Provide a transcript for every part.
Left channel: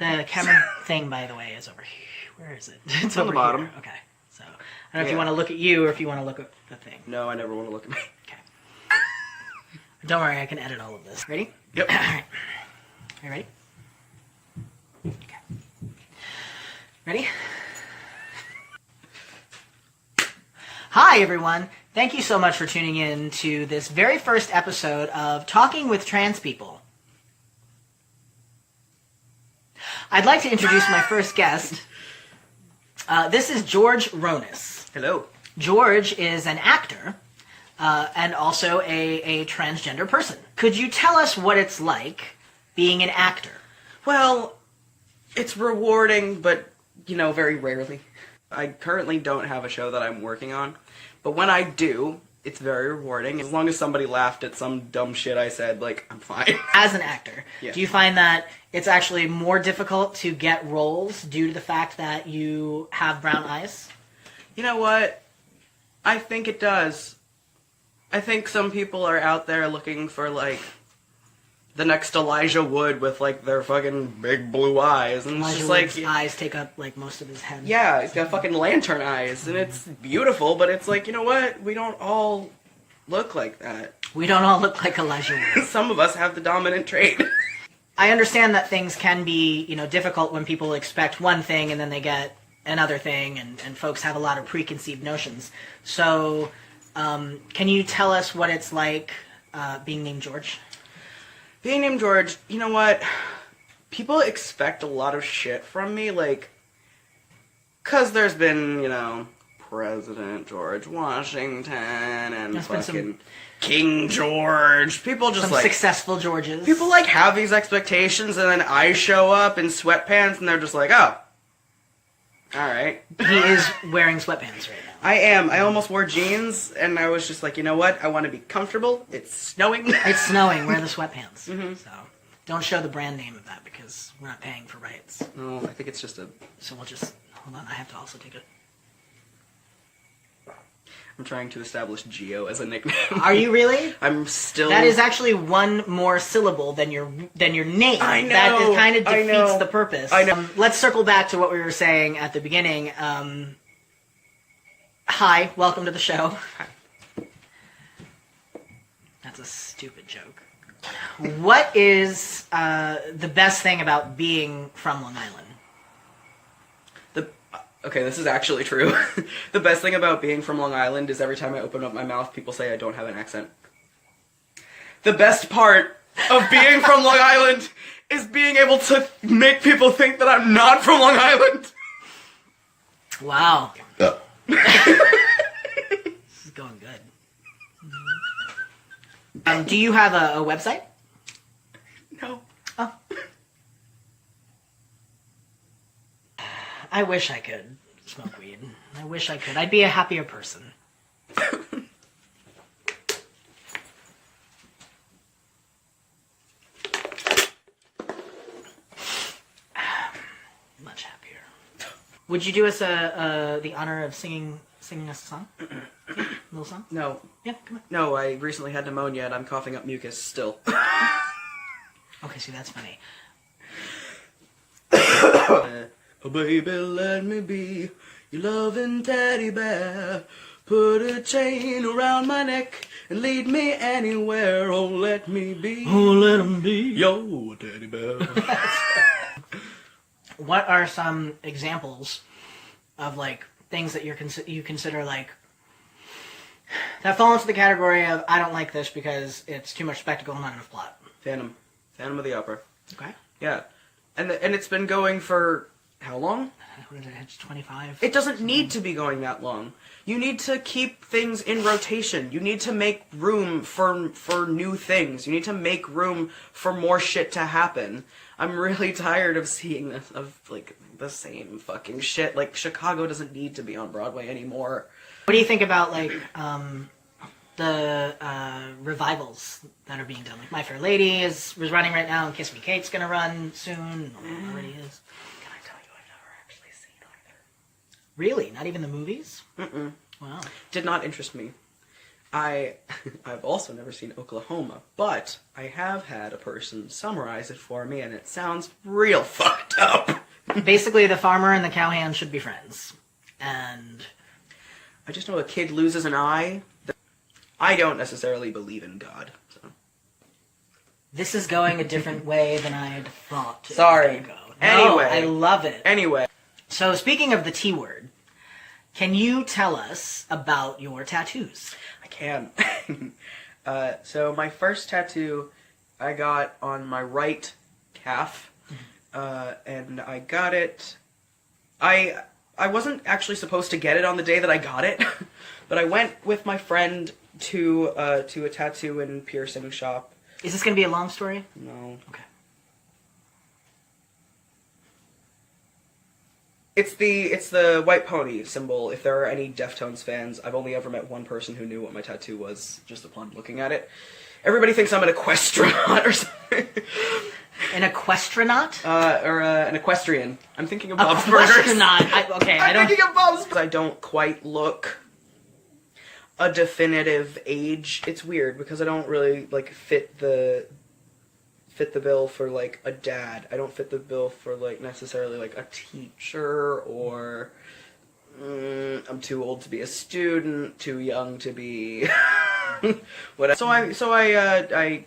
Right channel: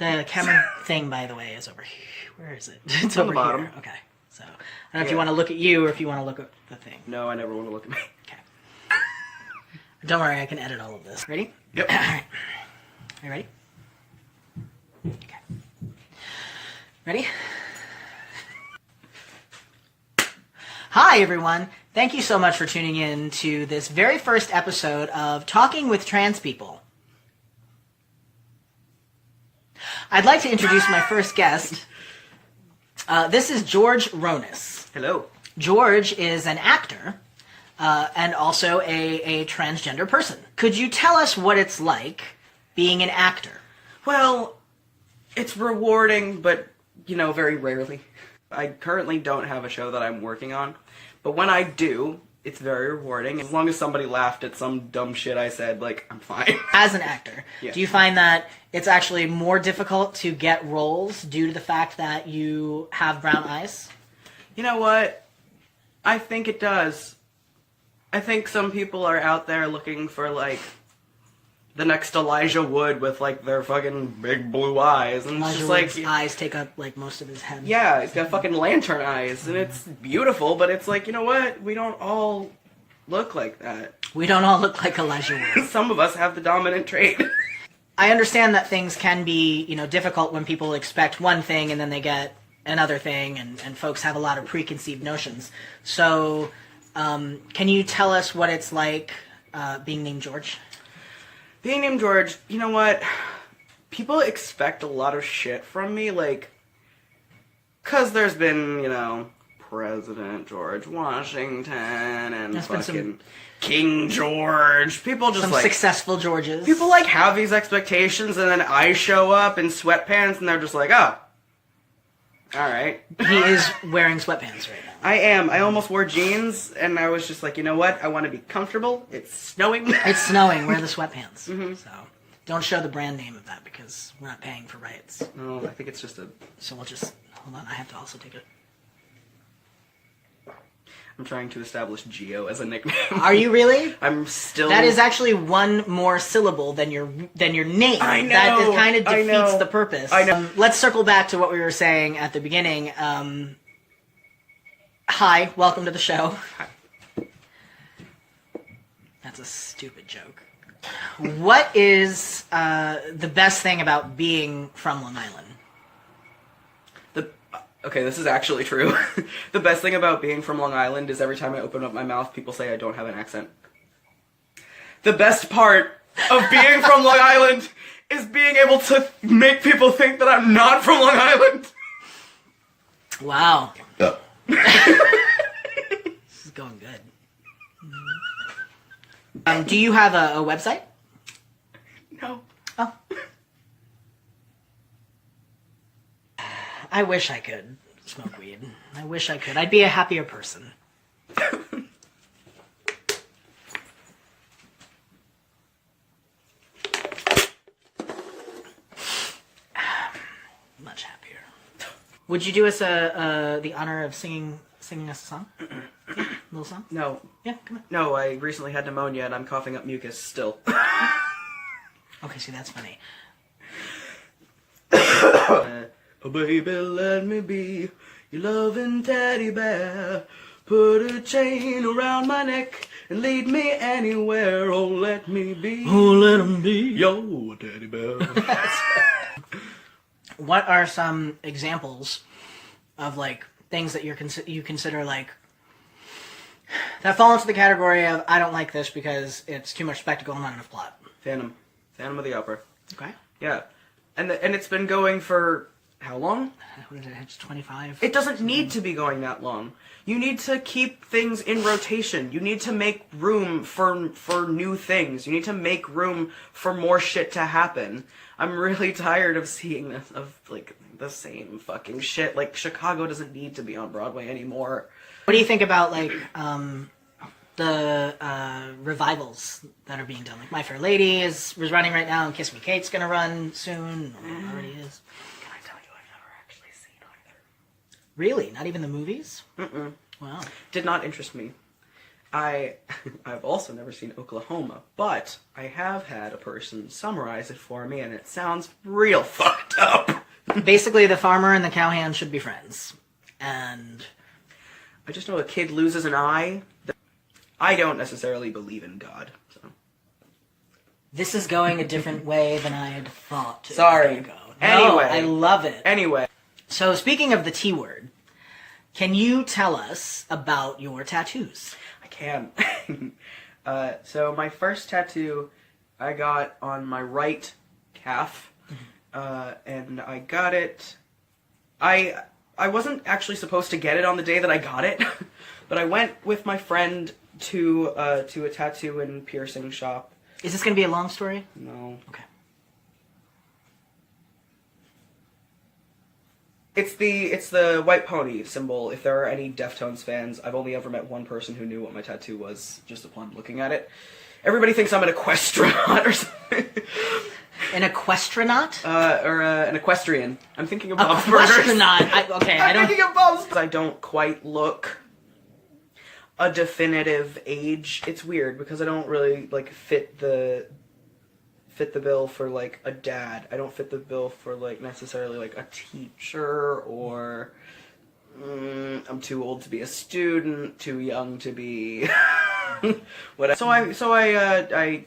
The camera thing, by the way, is over here. Where is it? It's on over the bottom. here. Okay. So, I don't know if you want to look at you or if you want to look at the thing. No, I never want to look at me. Okay. Don't worry, I can edit all of this. Ready? Yep. All right. Are you ready? Okay. Ready? Hi, everyone. Thank you so much for tuning in to this very first episode of Talking with Trans People. I'd like to introduce my first guest. This is George Ronis. Hello. George is an actor and also a transgender person. Could you tell us what it's like being an actor? Well, it's rewarding, but, very rarely. I currently don't have a show that I'm working on, but when I do, it's very rewarding. As long as somebody laughed at some dumb shit I said, I'm fine. As an actor, Yeah. Do you find that it's actually more difficult to get roles due to the fact that you have brown eyes? You know what? I think it does. I think some people are out there looking for, the next Elijah Wood with, their fucking big blue eyes. And it's Elijah just Wood's eyes take up, most of his head. yeah, he's got fucking lantern eyes, and it's beautiful, but it's you know what? We don't all look like that. We don't all look like Elijah Wood. Some of us have the dominant trait. I understand that things can be, difficult when people expect one thing and then they get another thing, and folks have a lot of preconceived notions. So, can you tell us what it's like being named George? Being named George, you know what? People expect a lot of shit from me, because there's been, President George Washington and There's been fucking King George. People just Some successful Georges. people have these expectations, and then I show up in sweatpants, and they're just oh, alright. He is wearing sweatpants right now. I am. I almost wore jeans, and I was just you know what? I want to be comfortable. It's snowing. It's snowing. Wear the sweatpants. Mm-hmm. So, don't show the brand name of that because we're not paying for rights. Oh, I think it's just So we'll just hold on. I have to also take it. I'm trying to establish Geo as a nickname. Are you really? I'm still... That is actually one more syllable than your name. I know. That kind of I know. defeats the purpose. I know. Let's circle back to what we were saying at the beginning. Hi, welcome to the show. Hi. That's a stupid joke. What is the best thing about being from Long Island? Okay, this is actually true. The best thing about being from Long Island is every time I open up my mouth, people say I don't have an accent. The best part of being from Long Island is being able to make people think that I'm not from Long Island. Wow. This is going good. Do you have a website? No. Oh. I wish I could smoke weed. I wish I could. I'd be a happier person. Much happier. Would you do us the honor of singing us a song? Yeah, a little song? No. Yeah, come on. No, I recently had pneumonia and I'm coughing up mucus still. Okay, see, that's funny. Oh baby, let me be your loving teddy bear. Put a chain around my neck and lead me anywhere. Oh, let me be. Oh, let him be. Yo, teddy bear. What are some examples of, things that you consider, that fall into the category of, I don't like this because it's too much spectacle and not enough plot? Phantom of the Opera. Okay. Yeah. And it's been going for how long? What is it? It's 25. It doesn't need to be going that long. You need to keep things in rotation. You need to make room for new things. You need to make room for more shit to happen. I'm really tired of seeing this, the same fucking shit. Chicago doesn't need to be on Broadway anymore. What do you think about, the revivals that are being done? My Fair Lady is running right now, and Kiss Me Kate's gonna run soon, or already is. Can I tell you I've never actually seen either? Really? Not even the movies? Mm-mm. Wow. Did not interest me. I've also never seen Oklahoma, but I have had a person summarize it for me, and it sounds real fucked up. Basically, the farmer and the cowhand should be friends. And I just know a kid loses an eye. I don't necessarily believe in God, so. this is going a different way than I had thought. Sorry. Go. Anyway. No, I love it. Anyway. So, speaking of the T word, can you tell us about your tattoos? I can. So my first tattoo I got on my right calf, and I got it. I wasn't actually supposed to get it on the day that I got it, but I went with my friend to a tattoo and piercing shop. Is this going to be a long story? No. Okay. It's the white pony symbol. If there are any Deftones fans, I've only ever met one person who knew what my tattoo was just upon looking at it. Everybody thinks I'm an equestrian or something. An equestronaut? Or an equestrian. I'm thinking of Bob's Burgers. Equestronaut. I'm thinking of Bob's. I don't quite look a definitive age. It's weird because I don't really fit the bill for a dad. I don't fit the bill for necessarily a teacher, or I'm too old to be a student, too young to be whatever. So I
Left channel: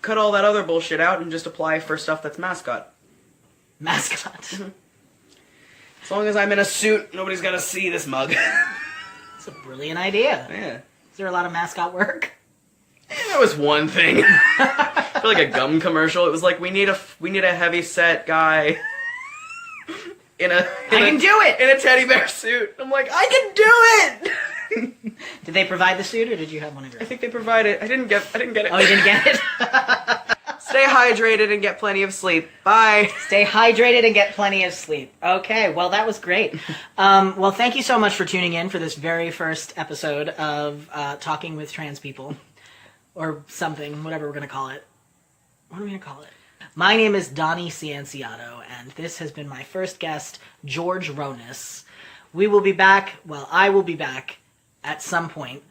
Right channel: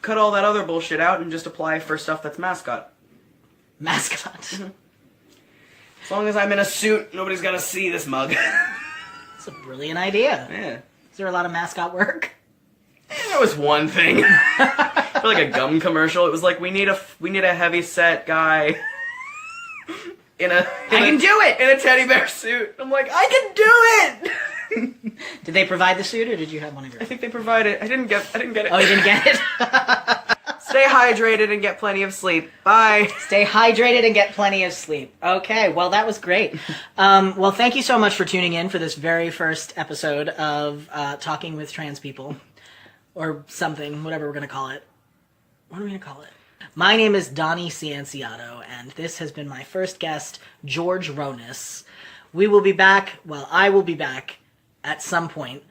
cut all that other bullshit out and just apply for stuff that's mascot. Mascot. Mm-hmm. As long as I'm in a suit, nobody's gotta see this mug. That's a brilliant idea. Yeah. Is there a lot of mascot work? That was one thing. For a gum commercial, it was we need a heavy set guy I can do it! In a teddy bear suit. I'm I can do it! Did they provide the suit, or did you have one of your I own? think they provided. I didn't get it. Oh, you didn't get it? Stay hydrated and get plenty of sleep. Bye. Stay hydrated and get plenty of sleep. Okay, well, that was great. Well, thank you so much for tuning in for this very first episode of Talking with Trans People. Or something, whatever we're going to call it. What are we going to call it? My name is Donnie Cianciotto, and this has been my first guest, George Ronis. We will be back, I will be back at some point.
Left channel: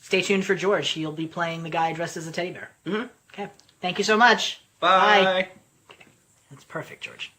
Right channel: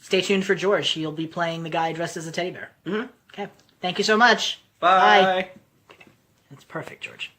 Stay tuned for George. He'll be playing the guy dressed as a teddy bear. Mm-hmm. Okay. Thank you so much. Bye. That's perfect, George.